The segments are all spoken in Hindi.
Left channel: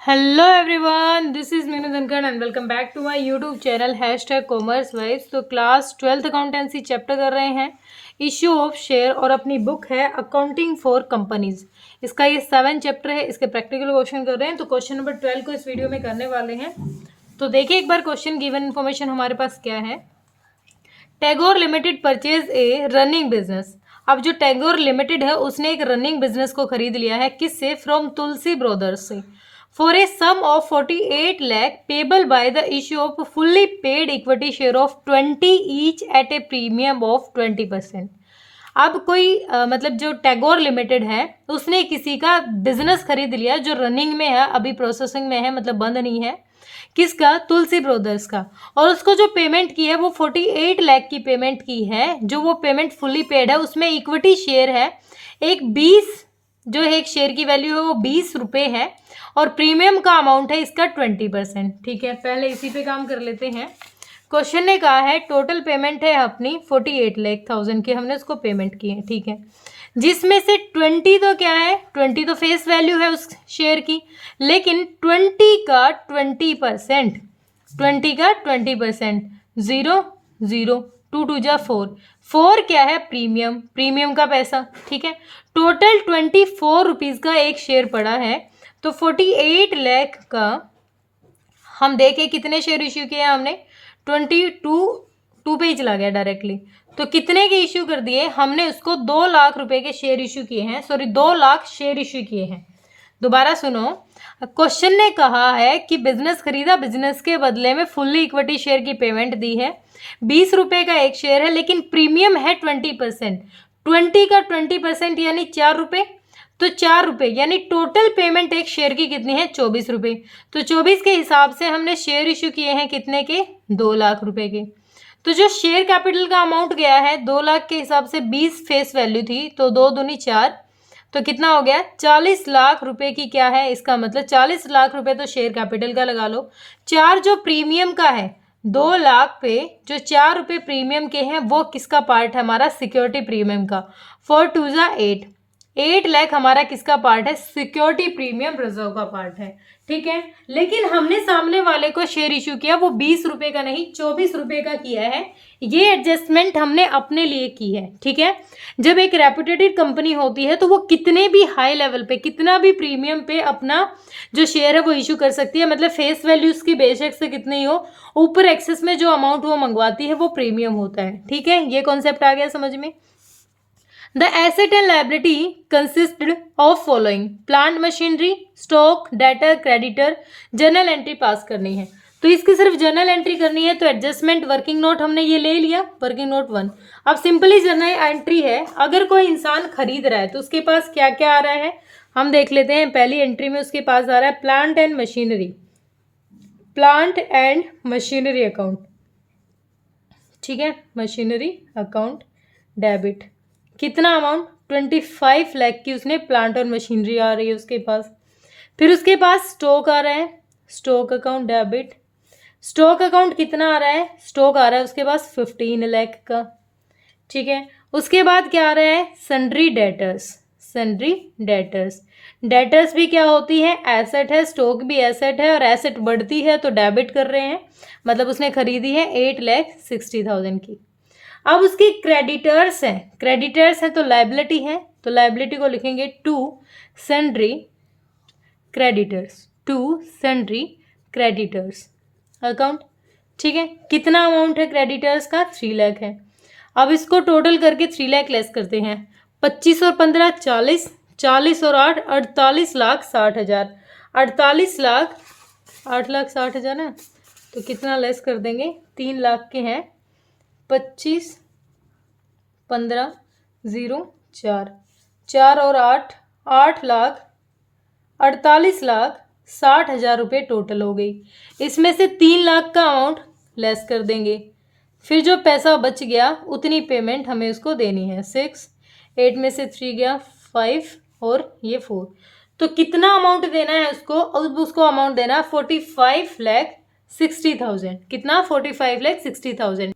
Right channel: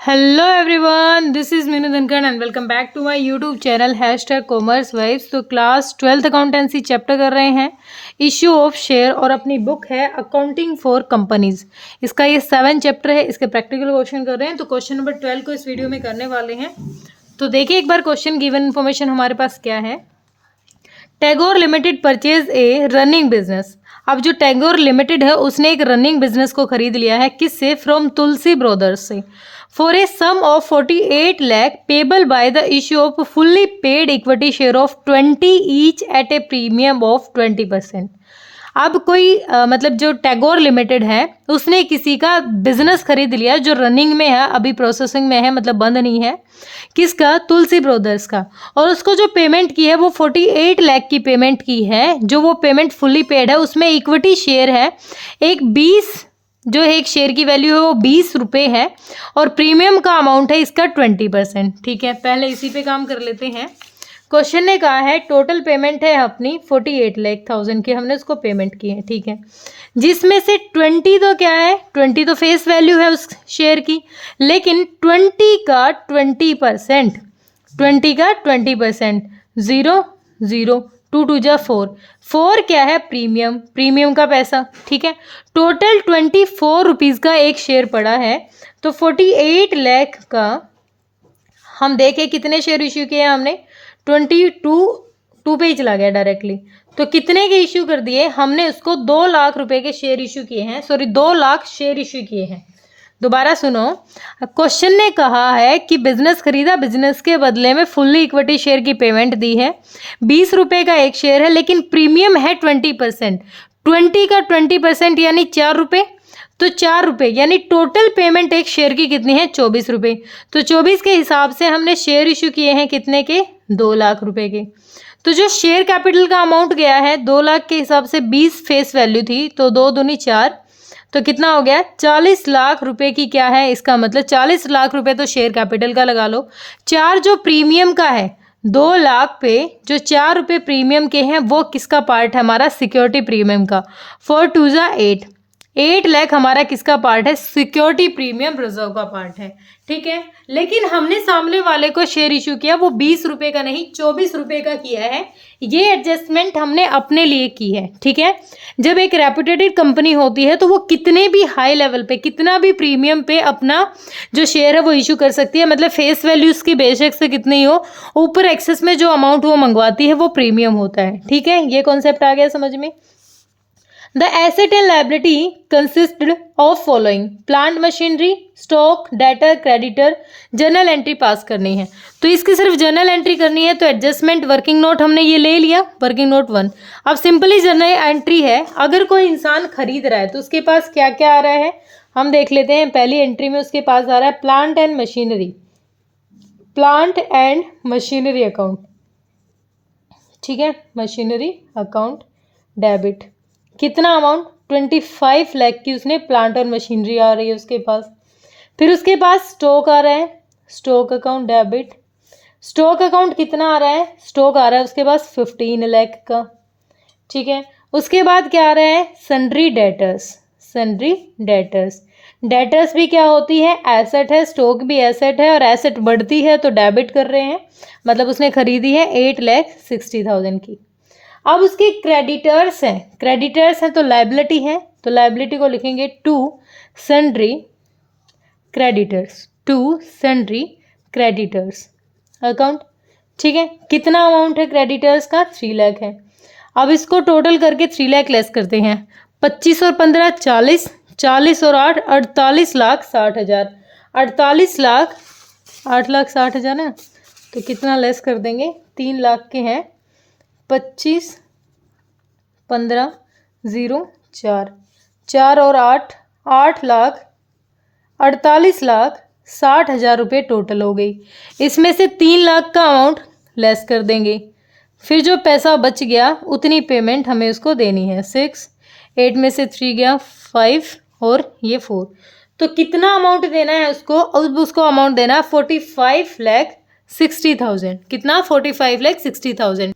Hello everyone, this is Meenu Dhankhar and welcome back to my YouTube channel #commerce vibes. तो क्लास 12th अकाउंटेंसी चैप्टर कर रहे हैं, इश्यू ऑफ शेयर, और अपनी बुक है अकाउंटिंग फॉर कंपनीज। इसका ये 7 चैप्टर है। इसके प्रैक्टिकल क्वेश्चन कर रहे हैं, तो क्वेश्चन नंबर 12 को इस वीडियो में करने वाले हैं। तो देखिए एक बार क्वेश्चन गिवन इन्फॉर्मेशन हमारे पास क्या है। Tagore limited purchase a running business. अब जो टैगोर लिमिटेड है उसने एक रनिंग बिजनेस को खरीद लिया है, किससे? फ्रॉम तुलसी ब्रदर्स से, for a sum of 48 lakh payable by the issue of fully paid equity share of 20 each at a premium of 20%। अब कोई मतलब जो टैगोर लिमिटेड है उसने किसी का बिजनेस खरीद लिया जो रनिंग में है, अभी प्रोसेसिंग में है, मतलब बंद नहीं है। किसका? तुलसी ब्रदर्स का। और उसको जो पेमेंट की है वो 48 लाख की पेमेंट की है। जो वो पेमेंट फुल्ली पेड है उसमें इक्विटी शेयर है एक 20, जो एक शेयर की वैल्यू है वो 20 रुपये है, और प्रीमियम का अमाउंट है इसका 20%। ठीक है, पहले इसी पे काम कर लेते हैं। क्वेश्चन ने कहा है टोटल पेमेंट है अपनी 48 लाख थाउजेंड की, हमने उसको पेमेंट की है। ठीक है, जिसमें से 20 तो क्या है, 20 तो फेस वैल्यू है उस शेयर की, लेकिन 20 का 20%, 20 का 20%, 0 0, 2 2 जा 4, 4 क्या है? प्रीमियम, प्रीमियम का पैसा। ठीक है, टोटल 24 रुपीज़ का एक शेयर पड़ा है। तो 48 लाख का हम देखें कितने शेयर इश्यू किए हैं हमने, 22 पे ही चला गया डायरेक्टली। तो कितने के इश्यू कर दिए हमने? उसको 2 लाख रुपए के शेयर इश्यू किए हैं, सॉरी 2 लाख शेयर इश्यू किए हैं। दोबारा सुनो, क्वेश्चन ने कहा है कि बिजनेस खरीदा, बिजनेस के बदले में फुल्ली इक्विटी शेयर की पेमेंट दी है, 20 रुपए का एक शेयर है, लेकिन प्रीमियम है 20%। 20 का 20% यानी 4 रुपये, तो 4 रुपये यानी टोटल पेमेंट एक शेयर की कितनी है? 24 रुपये। तो 24 के हिसाब से हमने शेयर इशू किए हैं कितने के? 2 लाख रुपए के। तो जो शेयर कैपिटल का अमाउंट गया है 2 लाख के हिसाब से 20 फेस वैल्यू थी, तो 2 दूनी 4, तो कितना हो गया? 40 लाख रुपए की क्या है? इसका मतलब 40 लाख रुपए तो शेयर कैपिटल का लगा लो। 4 जो प्रीमियम का है 2 लाख पे, जो 4 रुपये प्रीमियम के हैं वो किसका पार्ट है? हमारा सिक्योरिटी प्रीमियम का। 4 2 जा 8, 8 लाख हमारा किसका पार्ट है? सिक्योरिटी प्रीमियम रिजर्व का पार्ट है। ठीक है, लेकिन हमने सामने वाले को शेयर इशू किया वो 20 रुपए का नहीं 24 रुपए का किया है। ये एडजस्टमेंट हमने अपने लिए की है। ठीक है, जब एक रेप्यूटेड कंपनी होती है तो वो कितने भी हाई लेवल पे, कितना भी प्रीमियम पे अपना जो शेयर है वो इशू कर सकती है। मतलब फेस वैल्यू उसकी बेशक से कितनी हो, ऊपर एक्सेस में जो अमाउंट वो मंगवाती है वो प्रीमियम होता है। ठीक है, ये कॉन्सेप्ट आ गया समझ में। The asset and liability consisted of following: plant machinery, stock, debtor, creditor. Journal entry पास करनी है, तो इसकी सिर्फ जर्नल एंट्री करनी है। तो एडजस्टमेंट वर्किंग नोट हमने ये ले लिया, वर्किंग नोट 1। अब सिंपली जर्नल एंट्री है, अगर कोई इंसान खरीद रहा है तो उसके पास क्या क्या आ रहा है हम देख लेते हैं। पहली एंट्री में उसके पास आ रहा है plant and machinery, plant and machinery account. ठीक है, मशीनरी अकाउंट डेबिट, कितना अमाउंट? 25 लाख की उसने प्लांट और मशीनरी आ रही है उसके पास। फिर उसके पास स्टॉक आ रहा है, stock account debit. Stock account कितना आ रहा है? स्टॉक आ रहा है उसके पास 15 लाख का। ठीक है, उसके बाद क्या आ रहा है? Sundry debtors, sundry debtors. Debtors भी क्या होती है? एसेट है, स्टॉक भी एसेट है, और एसेट बढ़ती है तो डेबिट कर रहे हैं, मतलब उसने खरीदी है 8,60,000 की। अब उसके क्रेडिटर्स हैं, क्रेडिटर्स हैं तो लाइबिलिटी है, तो लाइबिलिटी को लिखेंगे to sundry creditors, to sundry creditors account. ठीक है, कितना अमाउंट है क्रेडिटर्स का? 3 लाख है। अब इसको टोटल करके 3 लाख लेस करते हैं, 25 और 15 40, 40 और 8 48,60,000, 48 लाख 8,60,000 है, तो कितना लेस कर देंगे? 3 लाख के हैं, 25 15 0 4, 4 और 8 8,48,60,000 रुपये टोटल हो गई। इसमें से 3 लाख का अमाउंट लेस कर देंगे, फिर जो पैसा बच गया उतनी पेमेंट हमें उसको देनी है। 6, 8 में से 3 गया 5 और ये 4, तो कितना अमाउंट देना है उसको? अब उसको अमाउंट देना है 45,60,000। कितना? 45,60,000।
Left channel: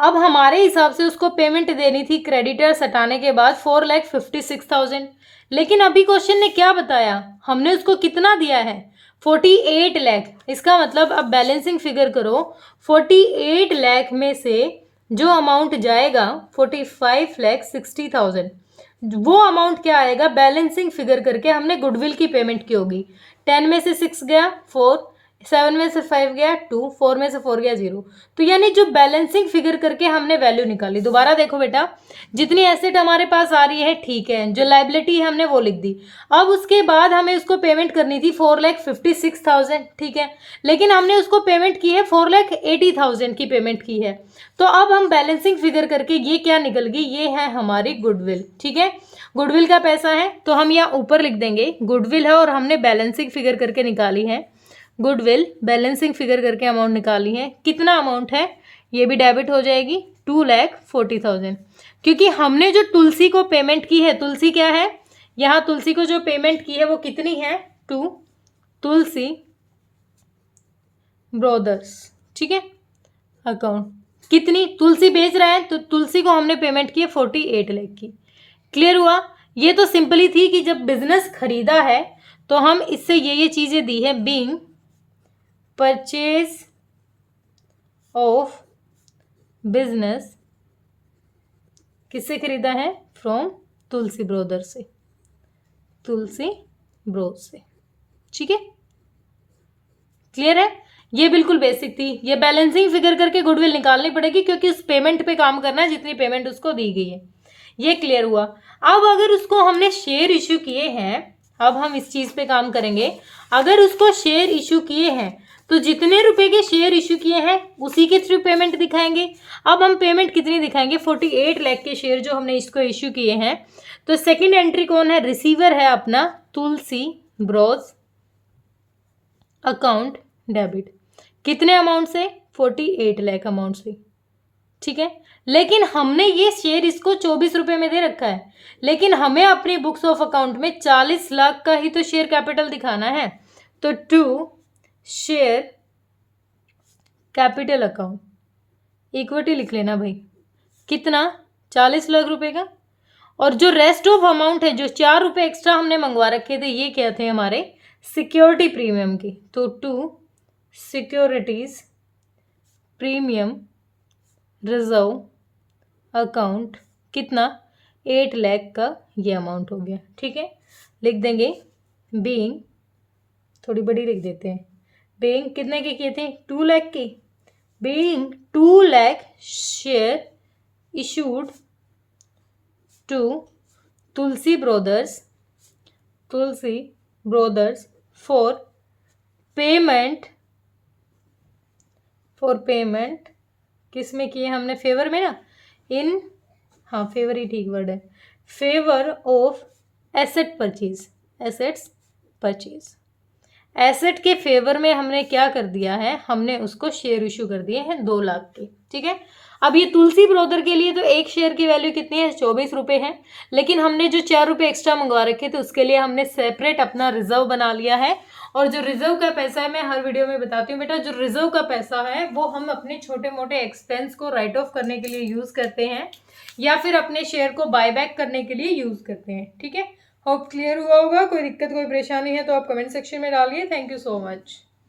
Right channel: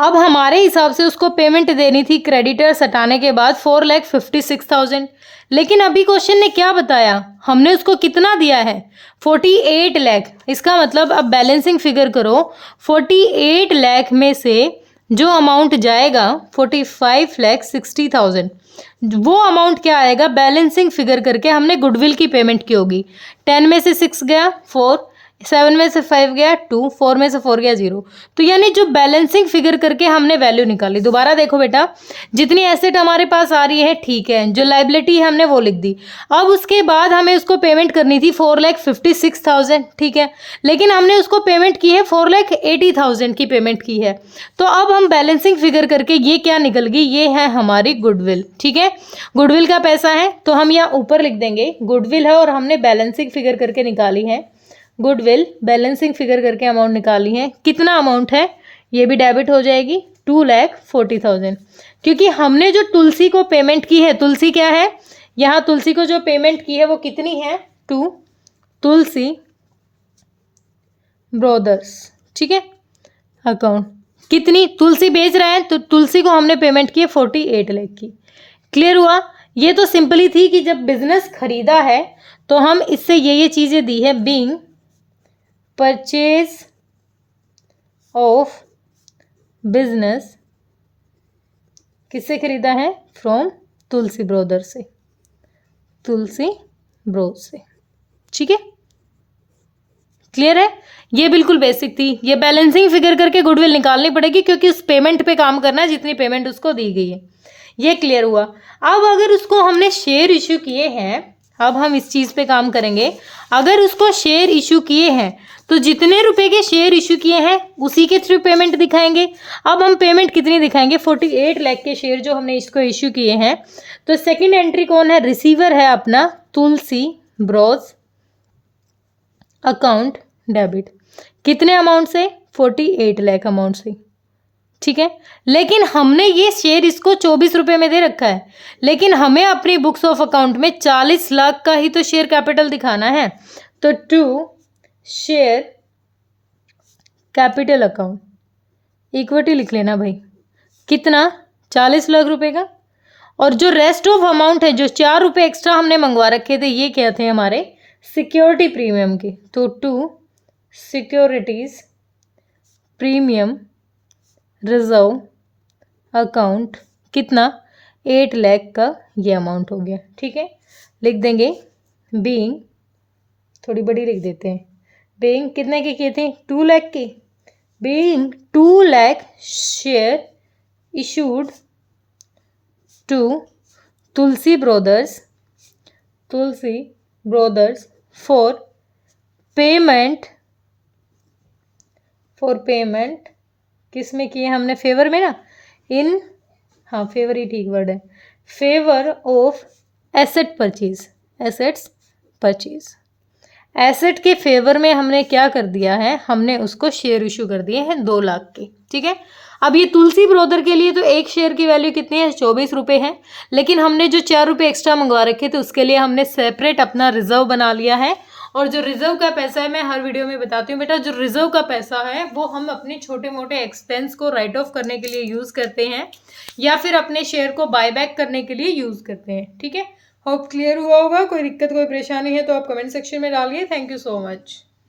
अब हमारे हिसाब से उसको पेमेंट देनी थी क्रेडिटर्स हटाने के बाद 4,56,000, लेकिन अभी क्वेश्चन ने क्या बताया, हमने उसको कितना दिया है 48 लाख। इसका मतलब अब बैलेंसिंग फिगर करो, 48 लाख में से जो अमाउंट जाएगा 45,60,000, वो अमाउंट क्या आएगा, बैलेंसिंग फिगर करके हमने गुडविल की पेमेंट की होगी। 10 में से 6 गया 4, 7 में से 5 गया 2, 4 में से 4 गया 0। तो यानी जो बैलेंसिंग फिगर करके हमने वैल्यू निकाली। दोबारा देखो बेटा, जितनी एसेट हमारे पास आ रही है ठीक है, जो लाइबिलिटी है हमने वो लिख दी। अब उसके बाद हमें उसको पेमेंट करनी थी 4,56,000, ठीक है, लेकिन हमने उसको पेमेंट की है 4,80,000 की पेमेंट की है। तो अब हम बैलेंसिंग फिगर करके ये क्या निकल गई, ये है हमारी गुडविल, ठीक है। गुडविल का पैसा है तो हम यहाँ ऊपर लिख देंगे गुडविल है, और हमने बैलेंसिंग फिगर करके निकाली है गुडविल, बैलेंसिंग फिगर करके अमाउंट निकाली है। कितना अमाउंट है, ये भी डेबिट हो जाएगी 2,40,000, क्योंकि हमने जो तुलसी को पेमेंट की है, तुलसी क्या है, यहाँ तुलसी को जो पेमेंट की है वो कितनी है, टू तुलसी ब्रदर्स, ठीक है। अकाउंट कितनी, तुलसी बेच रहे हैं तो तुलसी को हमने पेमेंट की है 48 लाख की। क्लियर हुआ। ये तो सिंपली थी कि जब बिजनेस खरीदा है तो हम इससे ये चीजें दी है, बीइंग परचेज ऑफ बिजनेस, किससे खरीदा है, फ्रॉम तुलसी ब्रोदर से, तुलसी ब्रोद से, ठीक है। क्लियर है। ये बिल्कुल बेसिक थी। ये बैलेंसिंग फिगर करके गुडविल निकालनी पड़ेगी क्योंकि उस पेमेंट पे काम करना है जितनी पेमेंट उसको दी गई है। ये क्लियर हुआ। अब अगर उसको हमने शेयर इशू किए हैं, अब हम इस चीज़ पे काम करेंगे। अगर उसको शेयर इशू किए हैं तो जितने रुपए के शेयर इशू किए हैं उसी के थ्रू पेमेंट दिखाएंगे। अब हम पेमेंट कितनी दिखाएंगे, 48 लाख के शेयर जो हमने इसको इशू किए हैं। तो सेकेंड एंट्री कौन है, रिसीवर है अपना तुलसी ब्रोज, अकाउंट डेबिट, कितने अमाउंट से, 48 लाख अमाउंट से, ठीक है। लेकिन हमने ये शेयर इसको 24 रुपए में दे रखा है, लेकिन हमें अपनी बुक्स ऑफ अकाउंट में 40 लाख का ही तो शेयर कैपिटल दिखाना है। तो to share capital account equity लिख लेना भाई, कितना, 40 लाख रुपए का। और जो रेस्ट ऑफ अमाउंट है, जो 4 रुपए एक्स्ट्रा हमने मंगवा रखे थे, ये क्या थे हमारे सिक्योरिटी प्रीमियम के। तो to securities premium reserve account, कितना, 8 लाख का ये अमाउंट हो गया, ठीक है। लिख देंगे बीइंग, थोड़ी बड़ी लिख देते हैं, बीइंग कितने के किए थे, 2 लाख के, being 2 lakh share issued to Tulsi Brothers for payment किस में किए हमने, फेवर में ना, इन, हाँ फेवर ही ठीक वर्ड है, favour of asset purchase, assets purchase, asset के फेवर में हमने क्या कर दिया है, हमने उसको शेयर इशू कर दिए हैं 2 लाख के, ठीक है। अब ये तुलसी ब्रोदर के लिए तो एक शेयर की वैल्यू कितनी है, 24 रुपये है, लेकिन हमने जो 4 रुपये एक्स्ट्रा मंगवा रखे थे उसके लिए हमने सेपरेट अपना रिजर्व बना लिया है। और जो रिजर्व का पैसा है, मैं हर वीडियो में बताती हूँ बेटा, जो रिजर्व का पैसा है वो हम अपने छोटे मोटे एक्सपेंस को राइट ऑफ करने के लिए यूज़ करते हैं, या फिर अपने शेयर को बाय बैक करने के लिए यूज़ करते हैं, ठीक है। होप क्लियर हुआ होगा। कोई दिक्कत कोई परेशानी है तो आप कमेंट सेक्शन में डालिए। Thank you so much.